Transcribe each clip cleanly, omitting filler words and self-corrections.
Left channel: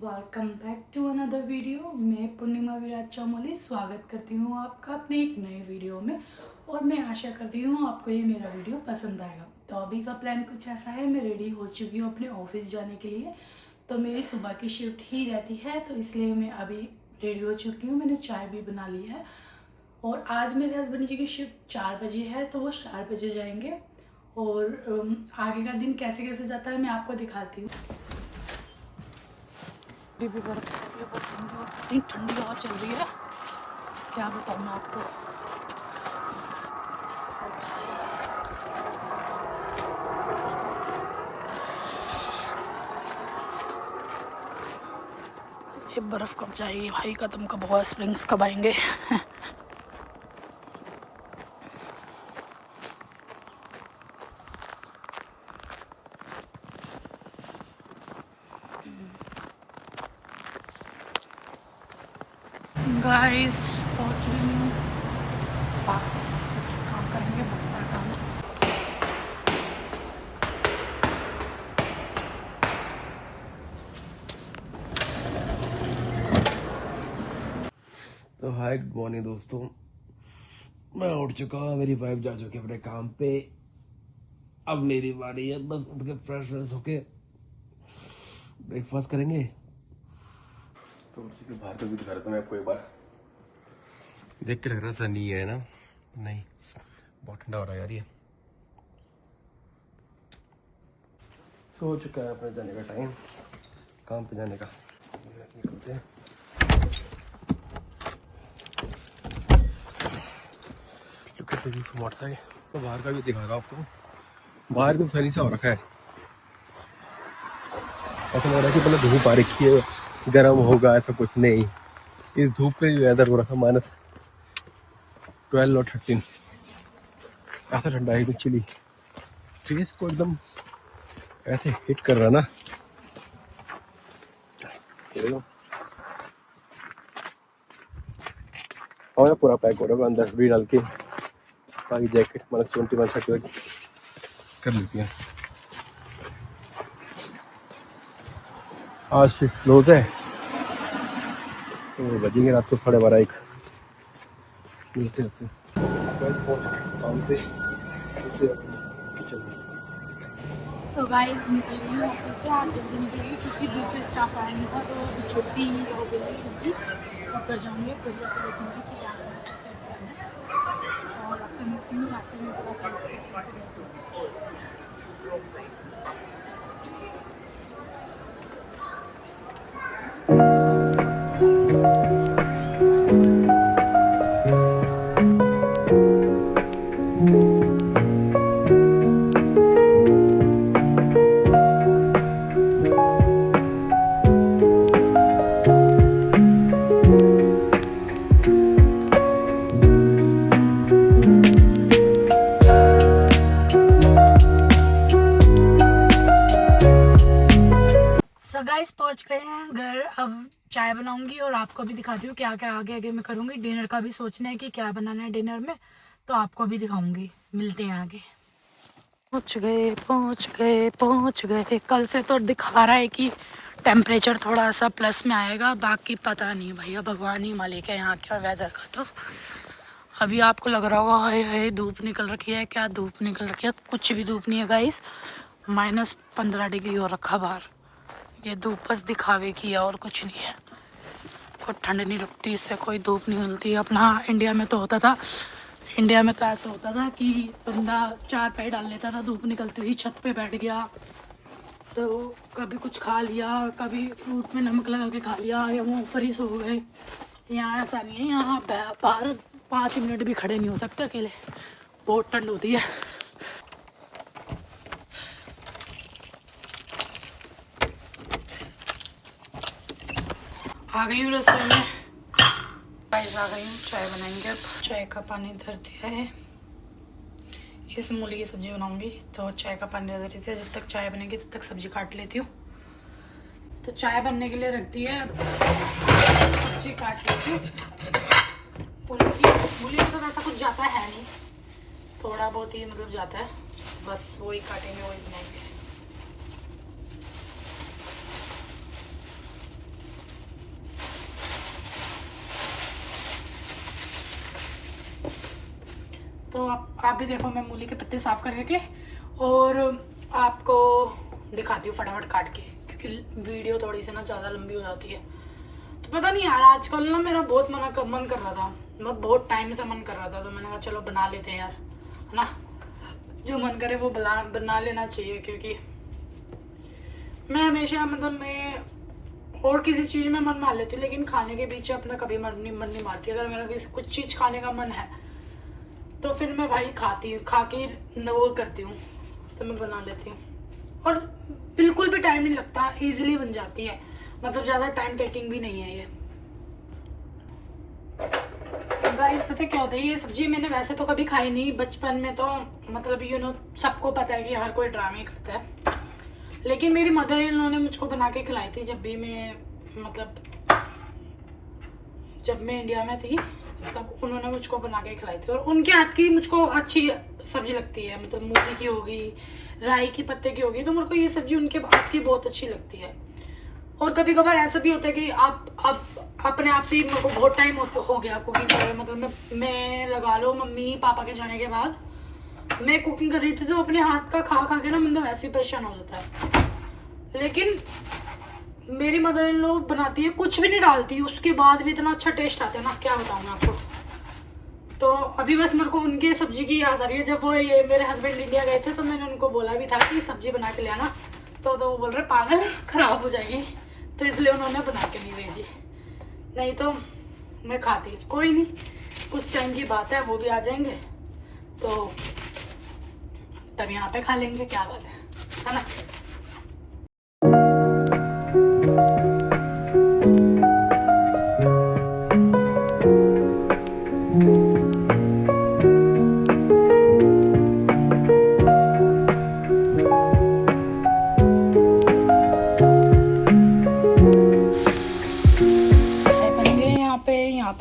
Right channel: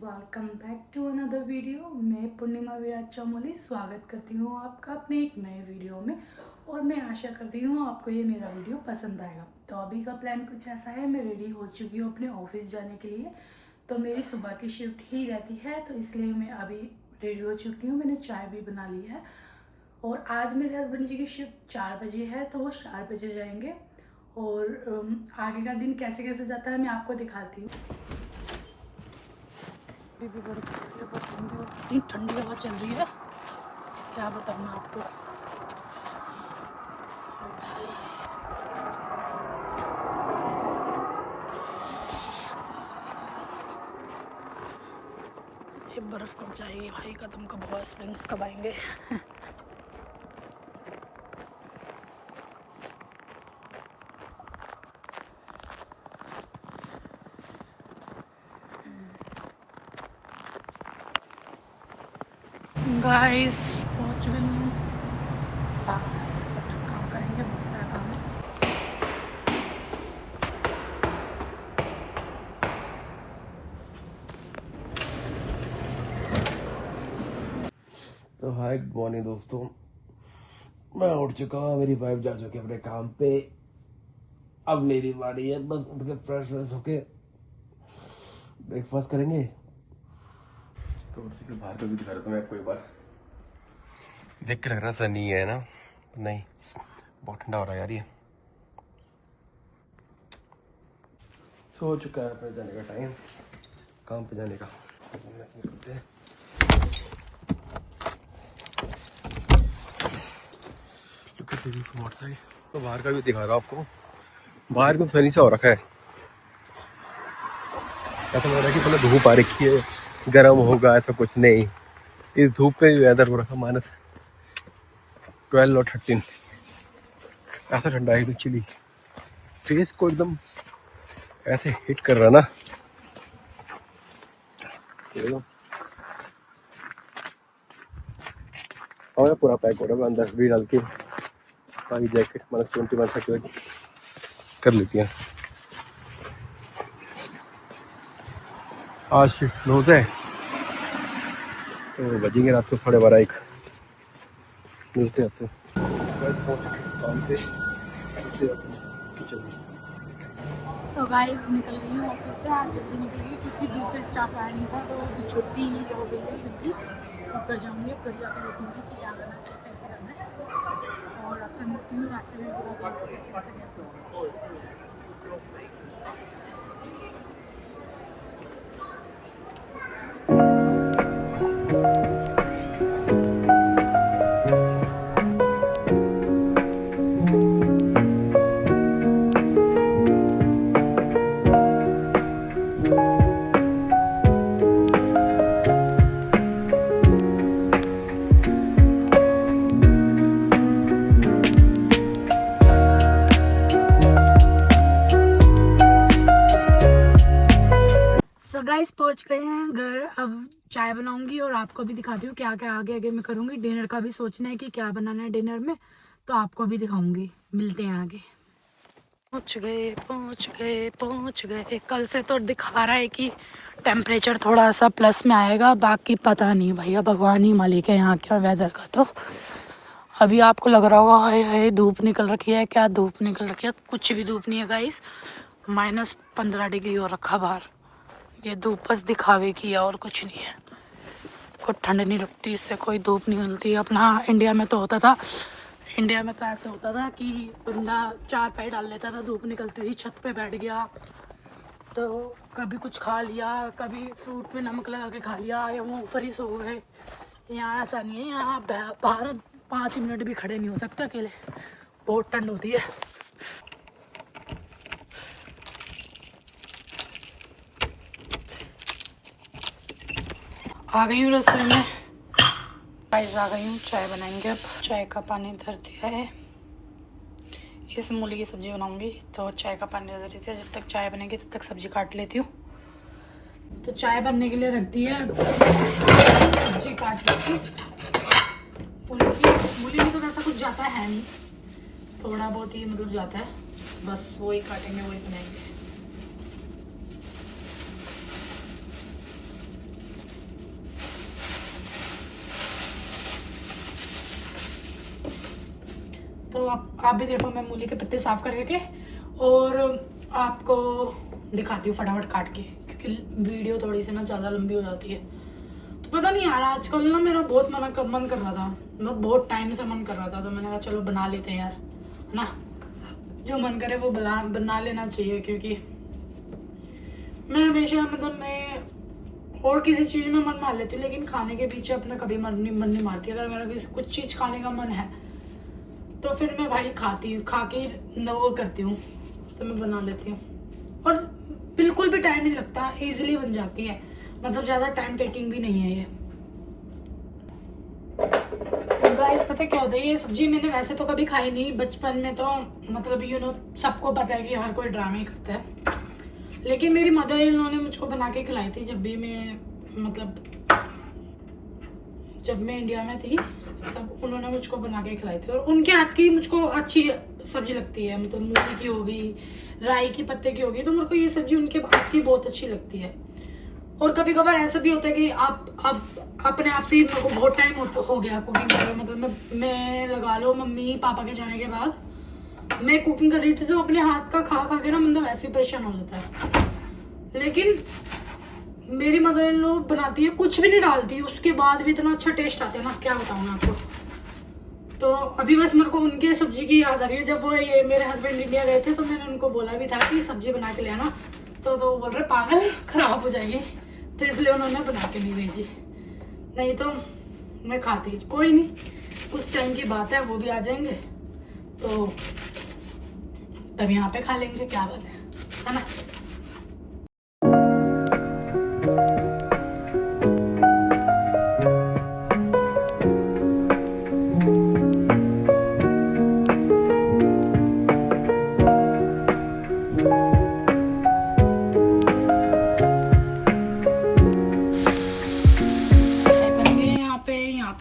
Welcome back to another video. मैं पूर्णिमा विराज चौमोली स्वागत करती हूँ आपका अपने एक नए वीडियो में। और मैं आशा करती हूँ आपको ये मेरा वीडियो पसंद आएगा। तो अभी का प्लान कुछ ऐसा है, मैं रेडी हो चुकी हूँ अपने ऑफिस जाने के लिए। तो मेरी सुबह की शिफ्ट ही रहती है, तो इसलिए मैं अभी रेडी हो चुकी हूँ। मैंने चाय भी बना ली है और आज मेरे हस्बैंड जी की शिफ्ट 4 बजे है, तो वो 4 बजे जाएंगे। और आगे का दिन कैसे कैसे जाता है मैं आपको दिखाती हूँ। अभी भी बर्फ पड़ रही है बहुत ठंडी, और इतनी ठंडी हवा चल रही है क्या बताऊँ मैं आपको। ओ भाई, ये बर्फ कब जाएगी भाई, खत्म कब होगा, स्प्रिंग्स कब आएंगे। गाइस पहुंच गई हूँ। भागते फटाफट काम करेंगे, बहुत सारा काम है। तो हाय गुड मॉर्निंग दोस्तों, मैं उठ चुका हूँ। मेरी वाइफ जा चुकी है अपने काम पे। अब मेरी बारी है, बस उठ के फ्रेश होके ब्रेकफास्ट करेंगे। तो उसी के बाहर का भी दिखा रहा था मैं आपको एक बार। देख के लग रहा सनी है ना, नहीं बहुत ठंडा हो रहा है यार ये। सो चुका है अपने जाने का टाइम, काम पे जाने का। निकलते हैं। मोटरसाइकिल तो बाहर का भी दिखा रहा हूँ आपको। बाहर तो सनी सा हो रखा है, ऐसा लग रहा है कि पहले धूप आ रखी है, गर्म होगा, ऐसा कुछ नहीं। इस धूप का ही वेदर हो रखा -12 और 13। ऐसा ठंडा है, चिली फेस को एकदम ऐसे हिट कर रहा ना। और पूरा पैक हो रहा है, अंदर भी डाल के सारी जैकेट -21 कर लेती हैं। आज क्लोज है तो बजेंगे रात को 12:30-1। मिलते हैं आपसे काम पे। सो गाइस निकल गई हूँ ऑफिस से। आज जल्दी निकल गई क्योंकि दूसरे स्टाफ आया नहीं था, तो अभी छुट्टी हो गई है जल्दी। ऊपर जाऊँगी, ऊपर जाकर देखूँगी कि क्या करना है, कैसे कैसे करना है। और आपसे मिलती हूँ रास्ते में, पूरा कैसे कैसे गए थे। सो गाइस पहुंच गए हैं घर। अब चाय बनाऊंगी और आपको भी दिखाती हूँ क्या क्या आगे आगे मैं करूँगी। डिनर का भी सोचना है कि क्या बनाना है डिनर में, तो आपको भी दिखाऊंगी। मिलते हैं आगे। पहुंच गए पहुंच गए पहुंच गए। कल से तो दिखा रहा है कि टेम्परेचर थोड़ा सा प्लस में आएगा, बाकी पता नहीं भैया, भगवान ही मालिक है यहाँ के वेदर का। तो अभी आपको लग रहा होगा हाय हाय धूप निकल रखी है, क्या धूप निकल रखी है, कुछ भी धूप नहीं है गाइस। -15 डिग्री हो रखा बाहर। ये धूप बस दिखावे की है और कुछ नहीं है। कोई ठंड नहीं लगती इससे, कोई धूप नहीं मिलती। अपना इंडिया में तो होता था, इंडिया में तो ऐसा होता था कि बंदा 4 पैर डाल लेता था, धूप निकलती थी, छत पे बैठ गया तो कभी कुछ खा लिया, कभी फ्रूट में नमक लगा के खा लिया, या वो ऊपर ही सो गए। यहाँ ऐसा नहीं है, यहाँ बाहर 5 मिनट भी खड़े नहीं हो सकते अकेले, बहुत ठंड होती है। आ गई हूँ रसोई में, गाइस आ गई हूँ। चाय बनाएंगे अब। चाय का पानी धर दिया है, इस मूली की सब्जी बनाऊंगी, तो चाय का पानी धर देती है। जब तक चाय बनेगी तब तक सब्जी काट लेती हूँ। तो चाय बनने के लिए रख दी है, सब्जी काट लेती हूँ। मूली में तो वैसा कुछ जाता है नहीं, थोड़ा बहुत ही मतलब जाता है, बस वही काटेंगे वही बनाएंगे। तो आप भी देखो, मैं मूली के पत्ते साफ करके और आपको दिखाती हूँ फटाफट काट के, क्योंकि वीडियो थोड़ी सी ना ज़्यादा लंबी हो जाती है। तो पता नहीं यार, आजकल ना मेरा बहुत मन कर रहा था, मैं बहुत टाइम से मन कर रहा था, तो मैंने कहा चलो बना लेते हैं यार, है ना। जो मन करे वो बना लेना चाहिए, क्योंकि मैं हमेशा मैं और किसी चीज़ में मन मार लेती हूँ, लेकिन खाने के पीछे अपना कभी मन नहीं मारती। अगर मेरा कुछ चीज़ खाने का मन है तो फिर मैं भाई खा के वो करती हूँ, तो मैं बना लेती हूँ। और बिल्कुल भी टाइम नहीं लगता, इजीली बन जाती है, ज़्यादा टाइम टेकिंग भी नहीं है ये। गाइस पता क्या होता है, ये सब्जी मैंने वैसे तो कभी खाई नहीं बचपन में, तो सबको पता है कि हर कोई ड्रामे करता है, लेकिन मेरी मदर इन लॉ ने मुझको बना के खिलाई थी जब मैं इंडिया में थी, तब उन्होंने मुझको बना के खिलाई थी। और उनके हाथ की मुझको अच्छी सब्जी लगती है, मूली की होगी, राई की पत्ते की होगी, तो मेरे को ये सब्जी उनके हाथ की बहुत अच्छी लगती है। और कभी कभार ऐसा भी होता है कि आप अपने आप से ही, मेरे को बहुत टाइम हो गया कुकिंग करे, मैं लगा लो मम्मी पापा के जाने के बाद मैं कुकिंग कर रही थी, तो अपने हाथ का खा के ना वैसे ही परेशान हो जाता है। लेकिन मेरी मदर इन लॉ बनाती है, कुछ भी नहीं डालती, उसके बाद भी इतना अच्छा टेस्ट आता है ना, क्या बताऊँ मैं आपको। तो अभी बस मेरे को उनके सब्जी की याद आ रही है। जब वो ये मेरे हस्बैंड इंडिया गए थे, तो मैंने उनको बोला भी था कि सब्जी बना के ले आना, तो वो बोल रहे पागल खराब हो जाएगी, तो इसलिए उन्होंने बना के नहीं भेजी, नहीं तो मैं खाती। कोई नहीं, कुछ टाइम की बात है, वो भी आ जाएंगे तो तब यहाँ पे खा लेंगे, क्या बात है ना।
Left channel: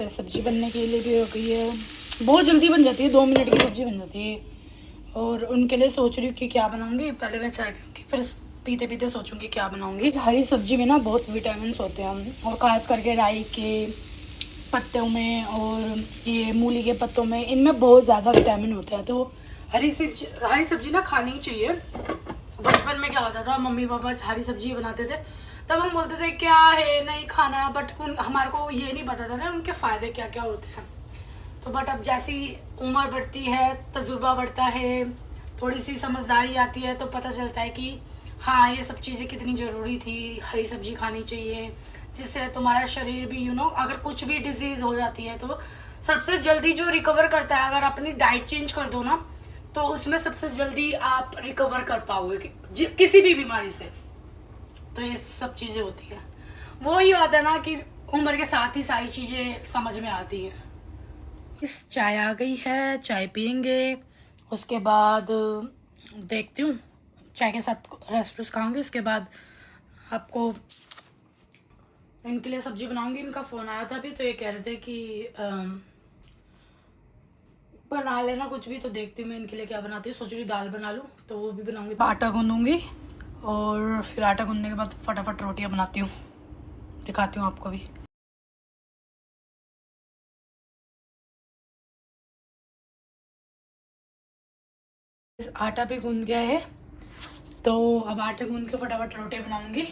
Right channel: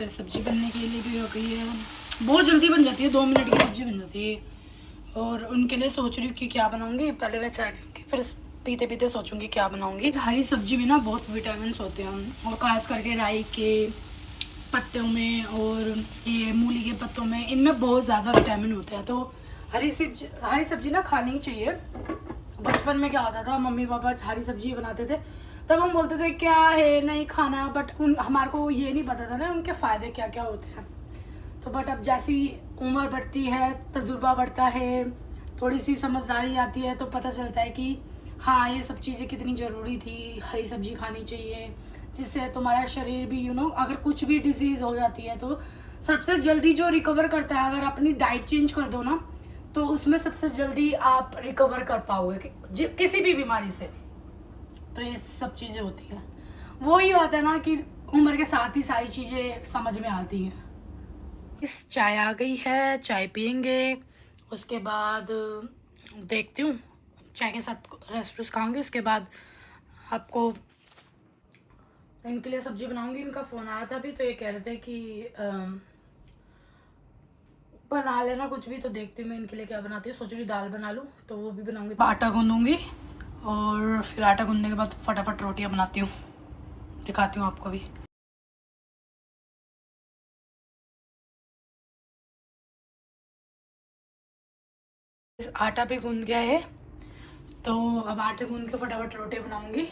सब्जी बनने के लिए भी हो गई है, बहुत जल्दी बन जाती है, 2 मिनट की सब्जी बन जाती है। और उनके लिए सोच रही हूँ कि क्या बनाऊंगी, पहले मैं चाय पीऊँगी, फिर पीते पीते सोचूंगी क्या बनाऊंगी। हरी सब्जी में ना बहुत विटामिन होते हैं, और खास करके राई के पत्तों में और ये मूली के पत्तों में, इनमें बहुत ज़्यादा विटामिन होते हैं। तो हरी सब्जी ना खानी ही चाहिए। बचपन में क्या होता था, मम्मी पापा हरी सब्जी बनाते थे, तब हम बोलते थे क्या है नहीं खाना, बट हमारे को ये नहीं पता था ना उनके फ़ायदे क्या क्या होते हैं। तो बट अब जैसी उम्र बढ़ती है, तजुर्बा बढ़ता है, थोड़ी सी समझदारी आती है, तो पता चलता है कि हाँ ये सब चीज़ें कितनी ज़रूरी थी, हरी सब्जी खानी चाहिए, जिससे तुम्हारा शरीर भी अगर कुछ भी डिजीज़ हो जाती है तो सबसे जल्दी जो रिकवर करता है, अगर अपनी डाइट चेंज कर दो ना, तो उसमें सबसे जल्दी आप रिकवर कर पाओगे किसी भी बीमारी से। तो ये सब चीज़ें होती है, वो ही बात है ना कि उम्र के साथ ही सारी चीज़ें समझ में आती हैं। इस चाय आ गई है, चाय पियेंगे, उसके बाद देखती हूँ, चाय के साथ रस खाऊंगी, उसके बाद आपको इनके लिए सब्जी बनाऊंगी। इनका फ़ोन आया था अभी, तो ये कह रहे थे कि बना लेना कुछ भी, तो देखती हूँ मैं इनके लिए क्या बनाती हूँ। सोच रही दाल बना लूँ, तो वो भी बनाऊंगी। आटा गूंदूंगी और फिर आटा गूंदने के बाद फटाफट रोटियाँ बनाती हूँ, दिखाती हूँ आपको भी। आटा भी गूंद गया है, तो अब आटे गूंद के फटाफट रोटी बनाऊंगी।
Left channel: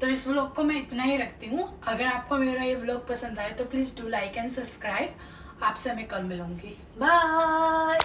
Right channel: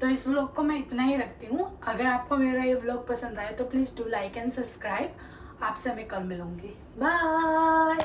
तो इस व्लॉग को मैं इतना ही रखती हूँ। अगर आपको मेरा ये व्लॉग पसंद आए तो please do like and subscribe. आपसे मैं कल मिलूंगी, बाय।